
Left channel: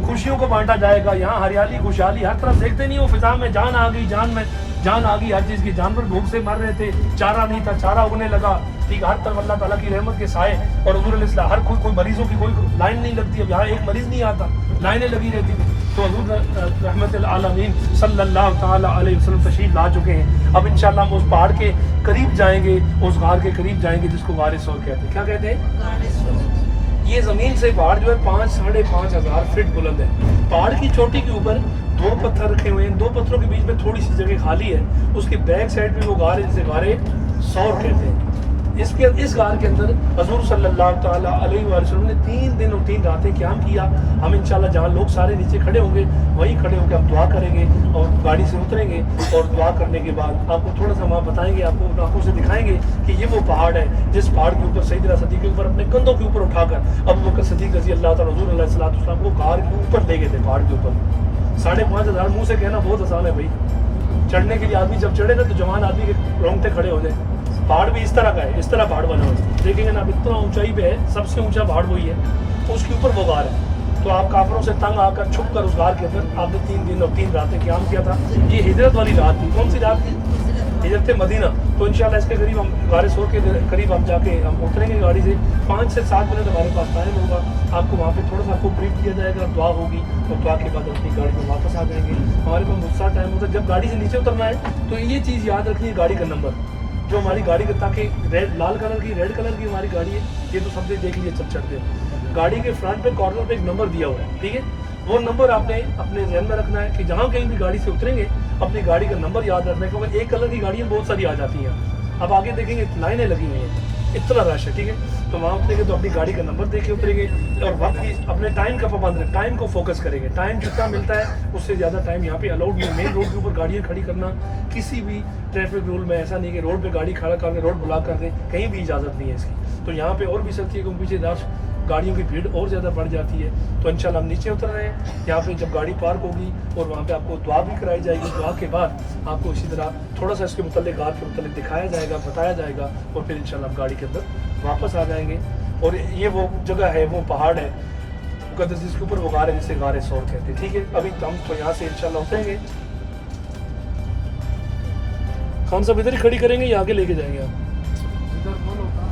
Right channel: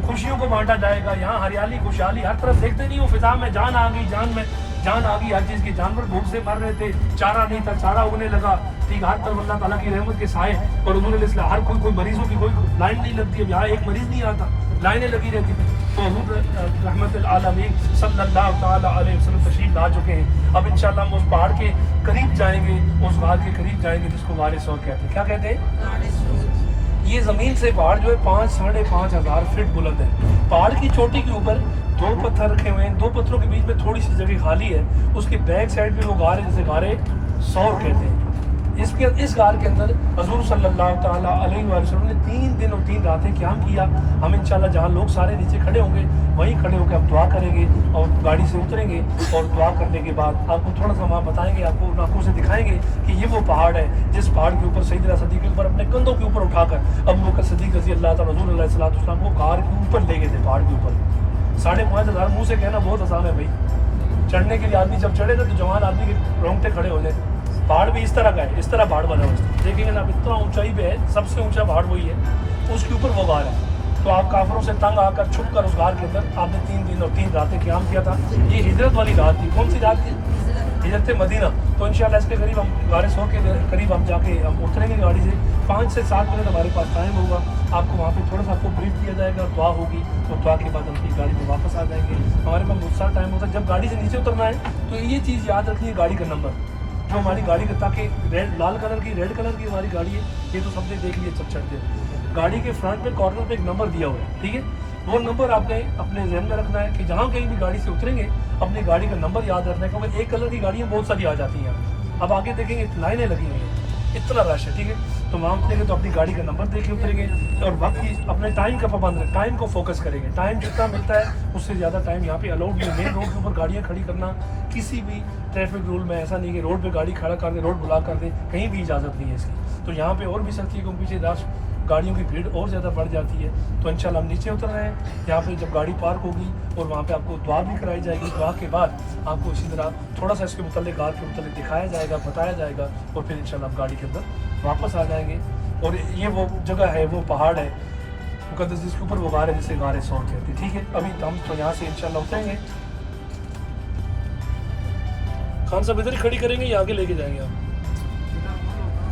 خوشیوں کو بانٹا جائے گا، یہاں ہریالی خوشحالی ہر طرف دیکھتے نہیں ہو، فضا میں جان آ گئی، جان آ گئی ہر چیز کی۔ جانور بھوک سے مر رہے تھے، چارہ نہیں تھا، چارہ اگنے لگا، ٹھیک، ہر طرف اللہ تعالیٰ کی رحمت کے سائے۔ اور حضور علیہ السلام ہر کوئی مریضوں کی کوئی لائن نہیں لگتی، اب یہاں ایک مریض نہیں آتا، لائنیں لگی رہتی تھی۔ تو حضور رحمت العالمین صلی اللہ تعالی علیہ وسلم تشریف لا چکے ہیں۔ اب انشاءاللہ ہم اس پہاڑ کے قریب جائیں گے، اس غار کے قریب جائیں گے جس کو غار ثور کہتے ہیں۔ کیا کہتے ہیں؟ یہ زمین سے پہاڑ جو ہے 5,500 فٹ بلند ہے۔ پہاڑ کی چوٹی کے اوپر 2 پتھر رکھے ہوئے ہیں، 2 پتھروں کے بیچ میں تھوڑی سی جگہ خالی ہے، اس کے بیک سائڈ پہ وہ غار ہے جسے غار ثور کہتے ہیں۔ اس غار کے اندر حضور صلی اللہ تعالیٰ علیہ وسلم نے 3 دن اور 3 راتیں قیام کیا۔ ہم انشاءاللہ جہاں لوگ سارے نیچے کھڑے ہوں گے وہیں کھڑے ہو کے ہم دعا کریں گے اور گاڑی سے اتریں گے، اور دعا کرنے کے بعد آپ کو تھوڑا سا وہاں بتائیں گے، آپ کو آنکھوں سے دکھائیں گے کہ یہ وہ پہاڑ ہے جس پہاڑ کے اوپر سیدنا صدیق اکبر اپنے کندھوں کے اوپر اٹھا کر ابو بکر صدیق رضی اللہ تعالیٰ حضور علیہ السلام کو غار کے اوپر لے گئے تھے۔ پہاڑ کے اوپر 5,500 منہ سے کہنا بہت آسان ہے بھائی، چڑھنے کے لیے آدمی جب چڑھے گا تو جوان آدمی کے رونگٹے کھڑے ہو جائیں۔ پہاڑ بھی اس طرح کا ہے، اس طرح پہاڑ بنا ہوا ہے، دیکھیں جناب اتنا اونچائی پہ ہے، سب سے اونچا پہاڑ وہی ہے، تو اس کے اوپر وہ غار ہے۔ تو آپ کافروں سے تنگ آ کر چھپ کر اس غار کے اندر آپ نے 3 دن اور 3 راتیں قیام کیا تھا۔ یہ ہجرت والی رات تھی۔ کون سی رات تھی؟ ہجرت مدینہ۔ تو انشاءاللہ اس کے قریب ہم غار ثور کے قریب ہم جا کے ہم اتریں گے گاڑی سے، 5 سے 7 منٹ ہمارے پاس ٹائم ہوگا، آپ کو وہاں پہ تھوڑا سا آپ کو بریف کیا جائے گا، دعا ہوگی، اور دعا کے بعد اپنی گاڑی میں واپس آ جائیں گے۔ ہمارے پاس مجھ سے ٹائم ہوتا ہے جب گاڑی سے نیچے اترنا ہے تو یہ چیز یاد رکھیے، گاڑی کا نمبر جو ہماری گاڑی کا، تاکہ لال کلر کی ریڈ کلر کی ہماری گاڑی ہے، یہ تو سب سے دیکھ لیجیے جب چڑھتے ہیں، گاڑی کے فرنٹ پہ کارنر پہ ایک نمبر دیا ہوا ہے، ٹھیک ہے، وہ نمبر آپ نے اپنے ذہن میں رکھنا ہے کہ جہاں کہیں بھی گاڑی سے اتریں گے اپنی گاڑی کا نمبر یاد رکھنا ہے، کیونکہ ایک کلر کی گاڑیاں بہت ساری آ جاتی ہیں۔ اب آگے دیکھیں گے لائنیں لگی ہوئی ہیں، اتنا رش ہے، ٹھیک ہے، تو وہاں اتریں گے تو اپنی گاڑی کا نمبر دیکھ کے اتریں گے، اور وقت کی اپنے ٹائم کا پابند رکھیں، ٹائم کو فوکس کریں گے، ٹائم جتنا ملتا ہے اس سے زیادہ ٹائم یہاں پہ الاؤڈ نہیں۔ مین روڈ کے اوپر گاڑیاں کھڑی کرنا کسی بھی ٹریفک رول میں ایسا نہیں کہ روڈ پہ گاڑی کھڑا کر کے روڈ بلاک کر دیں، کہیں بھی اجازت نہیں ہے اس کی۔ تو یہاں پہ اور بھی سکتی ہے کہ پیچھے رش گاڑیوں کی بھیڑ اور زیادہ بڑھ جاتی ہے۔ تو انشاءاللہ ہم نیچے اتر رہے ہیں، یہاں پہ جب گاڑی پارک ہوگی اور وہاں پہ آپ کو دعا بھی کرائی جائے گی، دعا کے بعد آپ کو اسی طرح تھوڑا سا اس کے متعلق غار کے متعلق دکھایا جائے گا، بتایا جائے گا، اور پھر انشاءاللہ ہم گاڑی کے اندر واپس آ جائیں گے۔ اور یہ وہ جگہ ہے، وہ پہاڑ ہے مقدس جس کے اوپر وہ غار ہے جسے غار ثور کہتے ہیں، ٹھیک ہے۔ ابھی ہم تو یہاں سے انشاءاللہ اتریں گے، خان صاحب ادھر ہی کھڑی کریں گے یا آگے لے کے جائیں گے آپ؟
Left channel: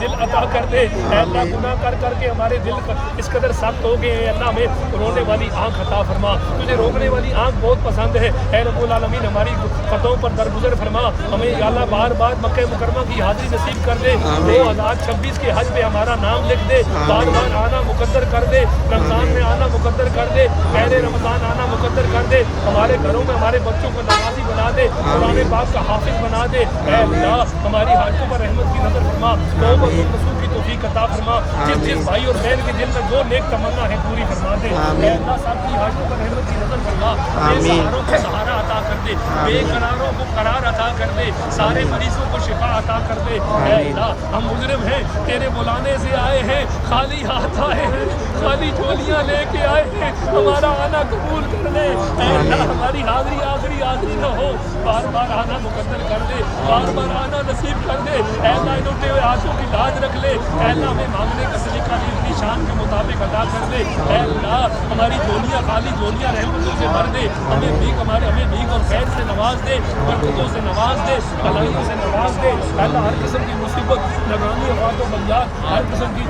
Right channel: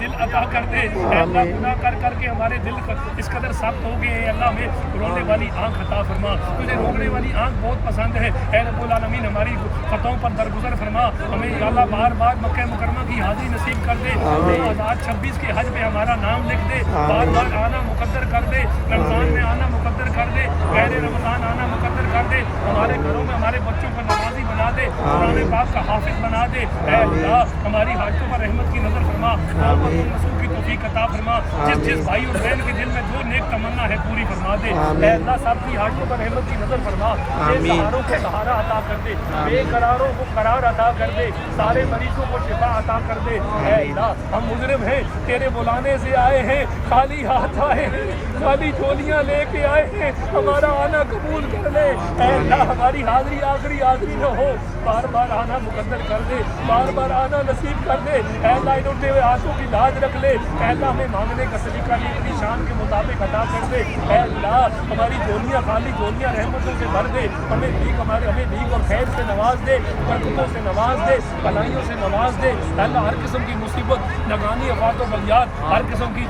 دل عطا کر دے. اے اللہ گناہ کر کر کے ہمارے دل اس قدر سخت ہو گئے ہیں. اللہ ہمیں رونے والی آنکھ عطا فرما. تجھے روکنے والی آنکھ بہت پسند ہے. اے رب العالمین ہماری خطاؤں پر درگزر فرما. ہمیں یا اللہ بار بار مکہ مکرمہ کی حاضری نصیب کر دے. 2026 کے حج پہ ہمارا نام لکھ دے. بار بار آنا مقدر کر دے. رمضان میں آنا مقدر کر دے. پہلے رمضان آنا مقدر کر دے. ہمارے گھروں میں ہمارے بچوں کو نمازی بنا دے. قرآن پاک کا حافظ بنا دے. اے اللہ ہماری حاجتوں پر رحمت کی نظر فرما. توبۃ النصوح کی توفیق عطا فرما. جس بھائی اور بہن کے دل میں جو نیک تمنا ہے پوری فرما دے. اے اللہ سب کی حاجتوں پر رحمت کی نظر فرما. سہاروں کو سہارا عطا کر دے. بے قراروں کو قرار عطا کر دے. سارے مریضوں کو شفا عطا کر دے. اے اللہ ہم مجرم ہیں تیرے بلانے سے آئے ہیں. خالی ہاتھ آئے ہیں. خالی جھولیاں لے کے آئے ہیں. ہمارا آنا قبول کر لے. اے اللہ ہماری حاضری آخری نہ ہو. بار بار آنا مقدر کر دے. بار بار آنا نصیب کر دے. اے اللہ انہوں کے آنسوں کی لاج رکھ لے. اے اللہ ہمیں مانگنے کا سلیقہ نہیں اپنی شان کے مطابق عطا کر دے. اے اللہ ہماری جھولیاں خالی جھولیاں رحمتوں سے بھر دے. ہمیں بھیک اور خیر سے نواز دے. برکتوں سے نواز دے. بھلائیوں سے نواز دے. اے اللہ ہر قسم کی مصیبت نگرانی افات و بلیات ہر قسم کی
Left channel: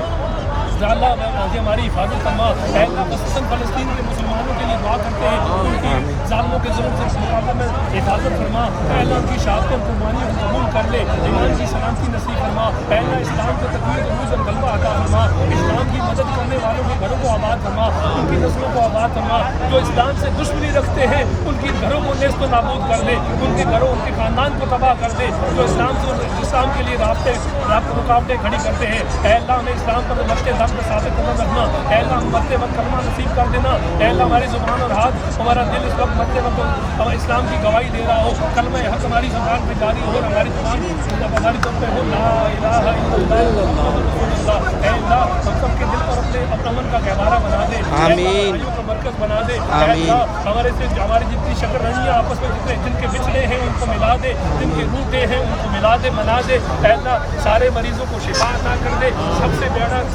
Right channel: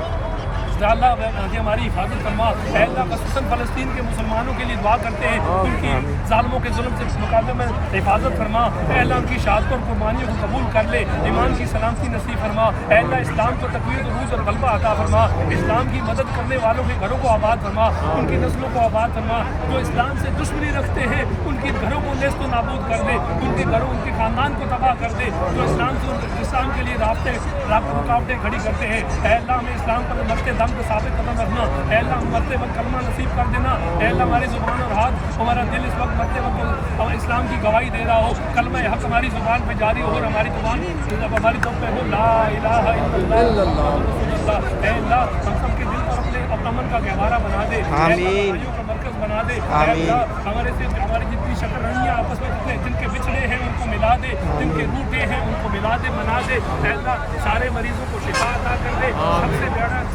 اللہ ہماری حفاظت فرما. اے اللہ خصوصاً فلسطین کے مسلمانوں کے لیے دعا کرتے ہیں. ان کی ظالموں کے ظلم سے مقابلے میں حفاظت فرما. اے اللہ ان کی شہادت اور قربانیوں کو قبول کر لے. ایمان کی سلامتی نصیب فرما. اے اللہ اسلام کو تقویت عروج اور غلبہ عطا فرما. اسلام کی مدد کرنے والوں کے گھروں کو آباد فرما. ان کی نسلوں کو آباد فرما. جو اسلام سے دشمنی رکھتے ہیں ان کی گھروں کو نیست و نابود کر دے. ان کے گھروں ان کے خاندان کو تباہ کر دے. جو اسلام کے لیے رکاوٹیں کھڑی کرتے ہیں. اے اللہ ہمیں اسلام پر مرتے دم پہ ثابت قدم رکھنا. اے اللہ ہم مرتے وقت کلمہ نصیب کر دینا. اے اللہ ہماری زبان اور ہاتھ ہمارا دل اس وقت مرتے وقت اسلام کی گواہی دے رہا ہو. کلمہ حق ہماری زبان پہ جاری ہو اور ہماری زبان ہماری زب پہ ہو لا الہ الا اللہ محمد رسول اللہ. اے اللہ ہم سب کے دل پر اپنے امن کا گہوارہ بنا دے. آمین. کا مرکز بنا دے. آمین. ہماری جتنی شکر رنیاں آپس میں جن کے بچھڑے ہیں ان کو ملا دے. جن کے روٹے ہیں ان کو ملا دے بنا دے. اے اللہ سارے مریضوں کو شفا عطا کر دے.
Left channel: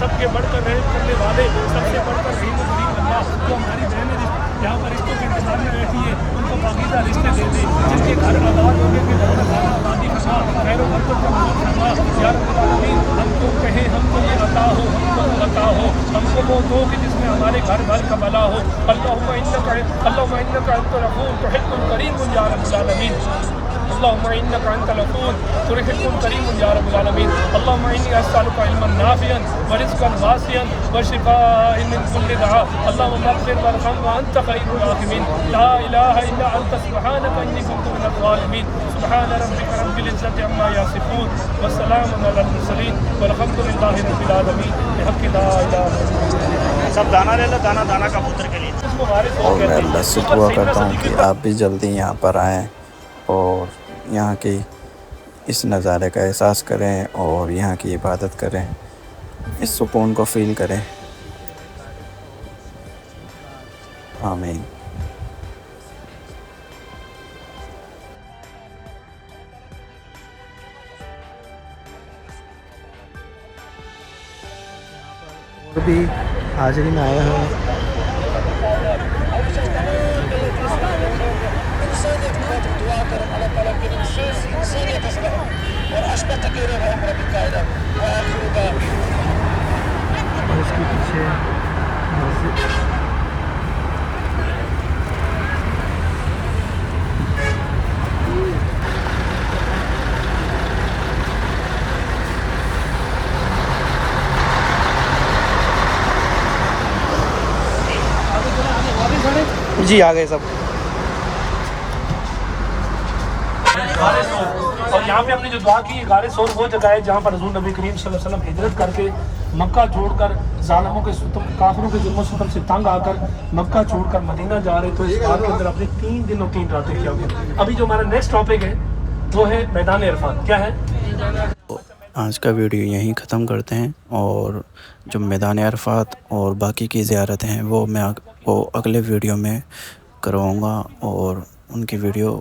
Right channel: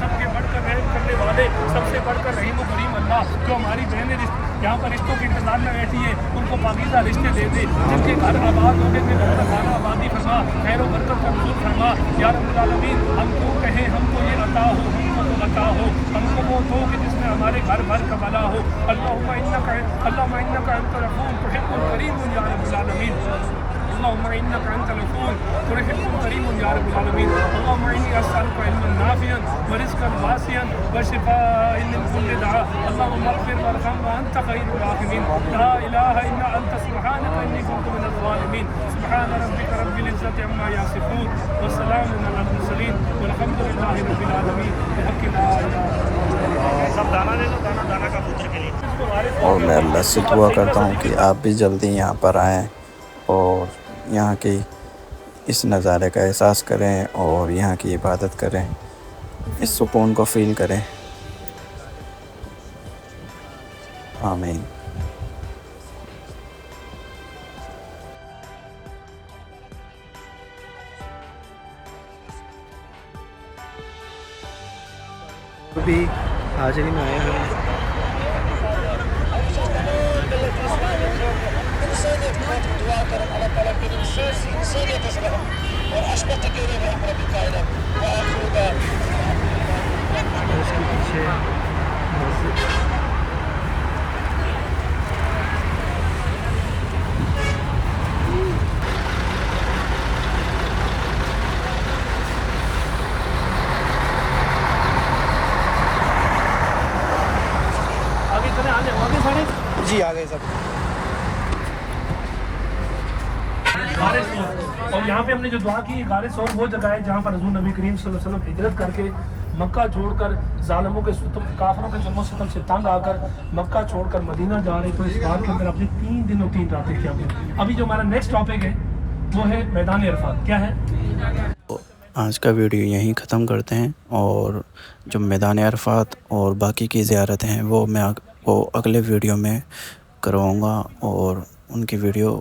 سب کے بڑھ کر رحم کرنے والے سب سے بڑھ کر رحیم و کریم اللہ جو ہماری بہنیں یہاں پر رشتوں کے انتظار میں بیٹھی ہے ان کو پاکیزہ رشتے دے دے. جن کے گھر آباد ہو گئے کہ گھروں میں خانہ آبادی فرما. خیر و برکت کا نزول فرما. یا رب العالمین ہم کیوں کہیں ہم کو یہ عطا ہو ہم کو وہ عطا ہو. ہم کو وہ دو کہ جس میں ہمارے گھر بھر کا بلا ہو. اللہم انک انت الغفور تحب الکریم یا رب العالمین. اللهم انك انت الغفور تحب الكريم يا رب العالمين. اللهم اني اسالك علما نافعا ورزقا واسعا وشفاء من كل داء. اللهم اغفر وارحم وانت خير الراحمين. لا اله الا انت سبحانك اني كنت من الظالمين. سبحان ربك رب العزه عما يصفون والسلام على المرسلين والحمد لله رب العالمين. بحق لا اله الا الله. سب دانا لے لو دانا کا پتر کے لیے. اور میں اللہ سے دعا کرتا ہوں کہ آپ بھی جلدی یہاں پر آئیں اور یہاں کی اس نظارے کا احساس کریں اور یہاں کی عبادت کریں. اس سکون کو فیل کریں. آمین. بھی حاضری میں آئے ہیں. اس کے پیچھے جی آ گئے سب. اور یہاں پہ ہم نے جو دعا کی غار ثور وہ جگہ ہے جہاں پر حضور نبی کریم صلی اللہ علیہ وسلم ہجرت کر کے مکہ چھوڑ کر ظالموں کے کافروں کے ظلم و ستم سے تنگ آ کر مکہ چھوڑ کر مدینہ جا رہے. تو اس غار کے اندر اپنے 3 دن اور 3 راتیں کیا گیا. ابھی جو ہمارا نیکسٹ ٹاپک ہے وہ ہے میدان عرفات. کیا ہے آج کا ویڈیو یہیں ختم کرتے ہیں اور جو میدان عرفات اور باقی کی زیارتیں ہیں وہ میں اگلے ویڈیو میں کرواؤں گا اور ان کی ویڈیو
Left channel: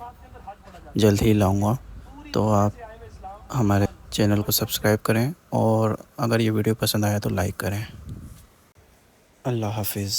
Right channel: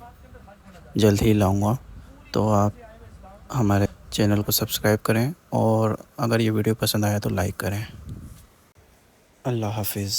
جلد ہی لاؤں گا. تو آپ ہمارے چینل کو سبسکرائب کریں اور اگر یہ ویڈیو پسند آیا تو لائک کریں. اللہ حافظ.